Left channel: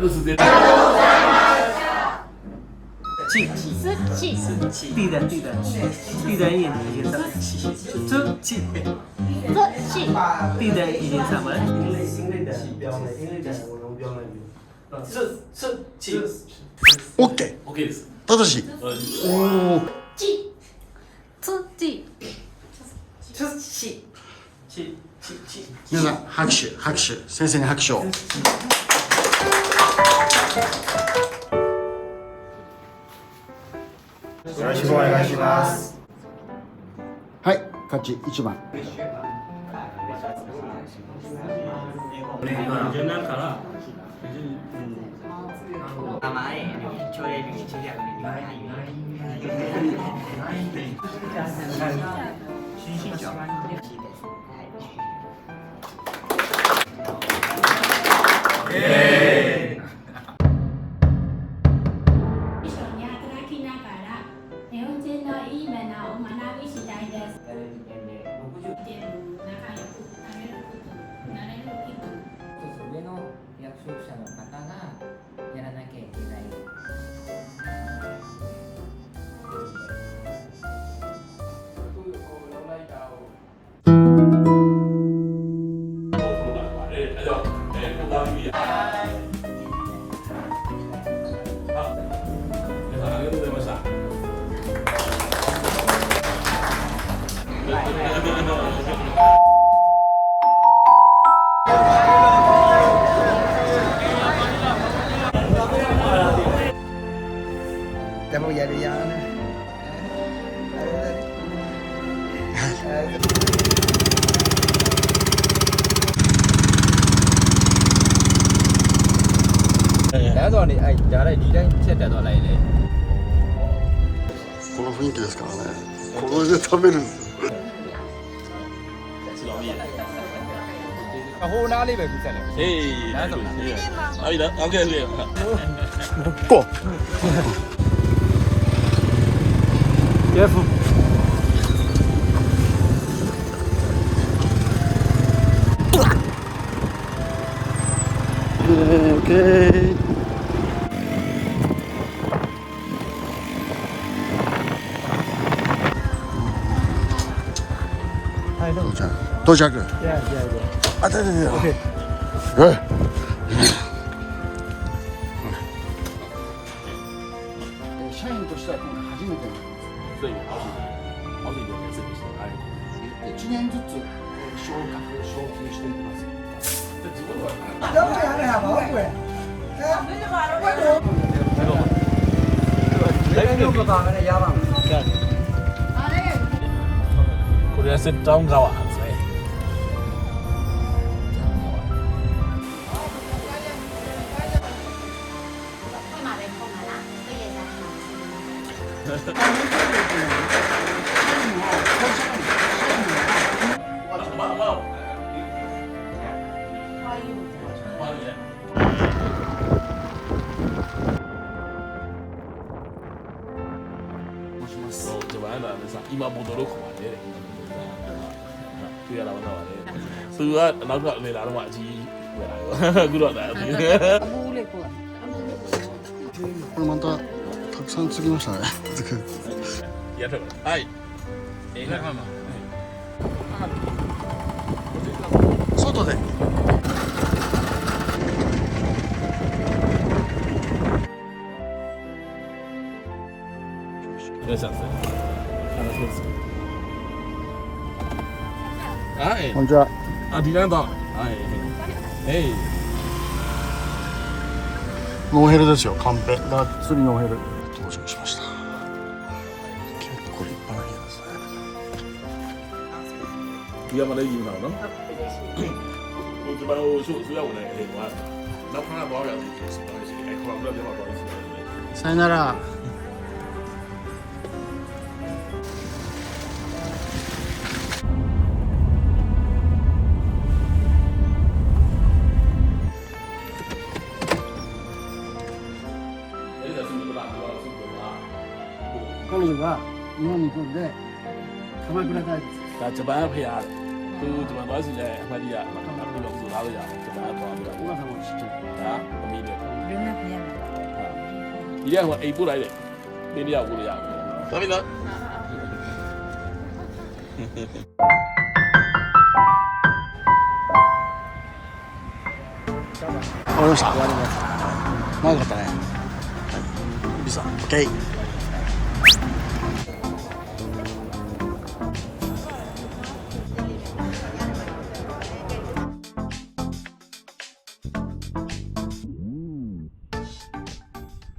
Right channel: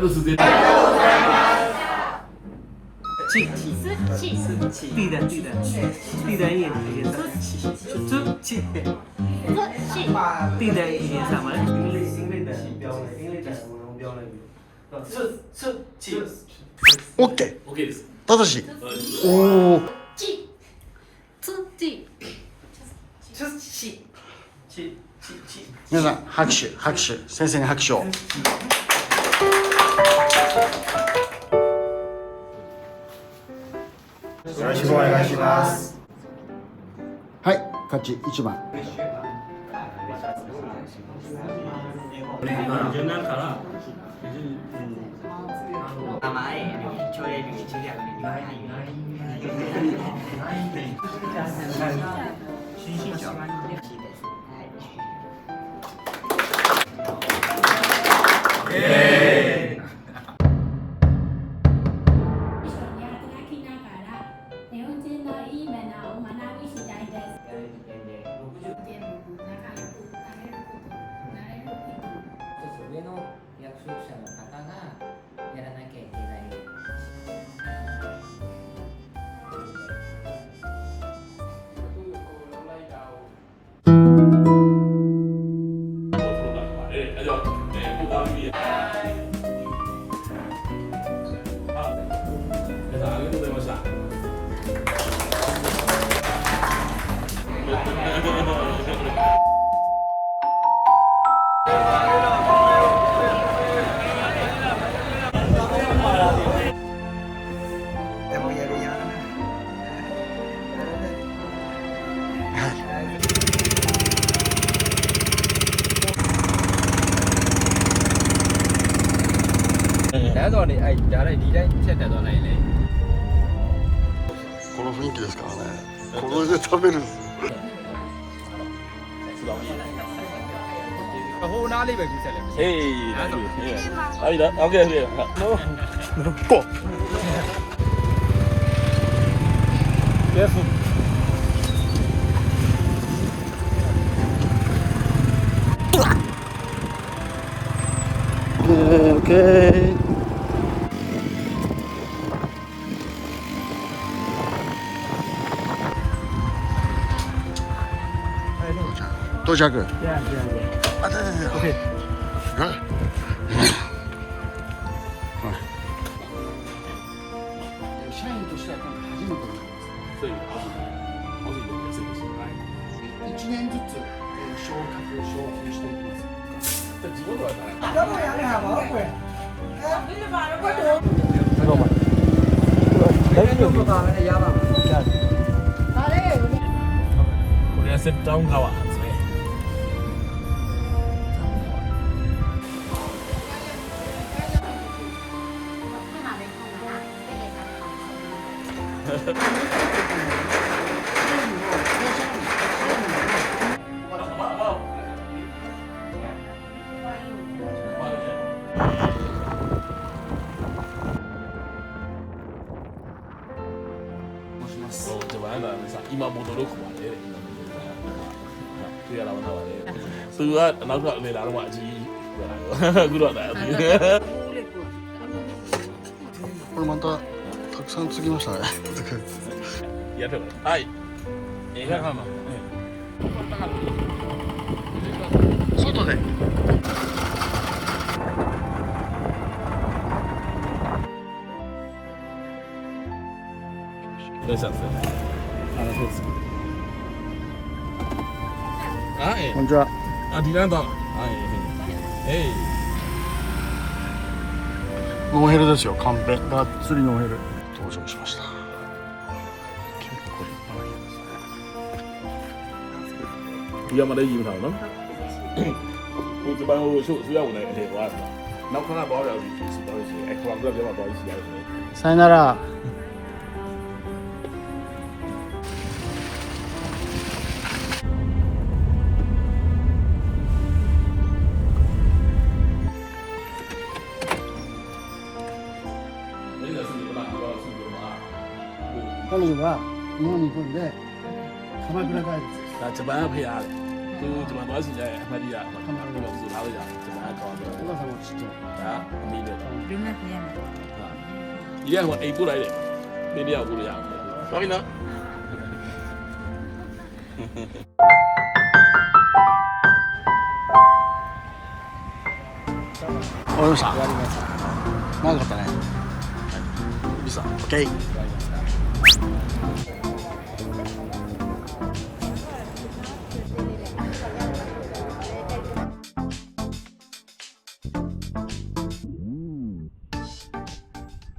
အဲ့လိုစူးစေး气，地的一点地的一点什么？OK。ただし。おお。皆さん拍手先生に拍手を。よろしくお願いします。はい、勝ち1番。名前、朝礼歴中学年にはないよ。新身長。上の役職者の方がやらなきゃいけない。でもやるやん。အဲ့တော့နေအဲ့ဒါလည်းဒီတိုင်းချက်တက်သွားလိုက်လေ この雰囲気ですからね。これで食べるんですよ。 အဟိုနားလေးပဲကူးဆက်လိုက် ဟေးအဲ့ဒါအဲ့ဒါโอเคโอเค こう。Careful. Okay. 到着。あ、对对对。OK。はい。社員としては今回初めてになります。所以好几个也是一起来。 1年ずつ昇格昇級していきます。这几个人。 တော့ရရပါဘူးကွယ်။ဘယ်လိုပါလဲတော့ပါမယ်ရပါမယ်။ ကိုရီးယားစစ်တောင်းကားပါဆဲ ที่มาเป็นคงมาละก็เลยจะมาもします。じゃあなんださ今ボトルこまで今ボトルだ。တွေ့ရတာမဟုတ်ပါလေ။သူကနောက်ကလေလာတော့မှအကြီးဝယ်လာရော။အခုတော့ဒါこれまたたくさんつぎましたね。やってる。はい。いいかな。外で。いらっしゃいませ。そうです。はいこんにちは。あ、ディランド。はい。ノーヘルですよ。カンペ。がっつりノーヘル。到着しました。結構立派な家ですね。ဒီမှာလည်းယူထားတော့နော်ဟိုဒီမှာဟိုဆိုရဝင်နေဟဲ့ဟိုကနောက်ခဏတော့ရစီစီတော့စီအဲ့ခေါင်းကတော့တော့စီရတယ် さよなら 彼女が日本に来るんで鎌倉帰りです。ဒါဂျပန်ဖေးရ သူဂျပန်သွားစီလဲအမှတ်တရကမ္ဘာလုံးဆိုလာလို့ရတယ်ဂျပန်သွားပြီး お母さんも知ってるဒါအမေနဲ့ ルナピアノ。 ဒီကကအိမ်ပို့လိုက်တယ်တင်းတယောက်ပို့ရအောင်သွားပြီနော် 終わりました終わりました長かったねはいリサオッケー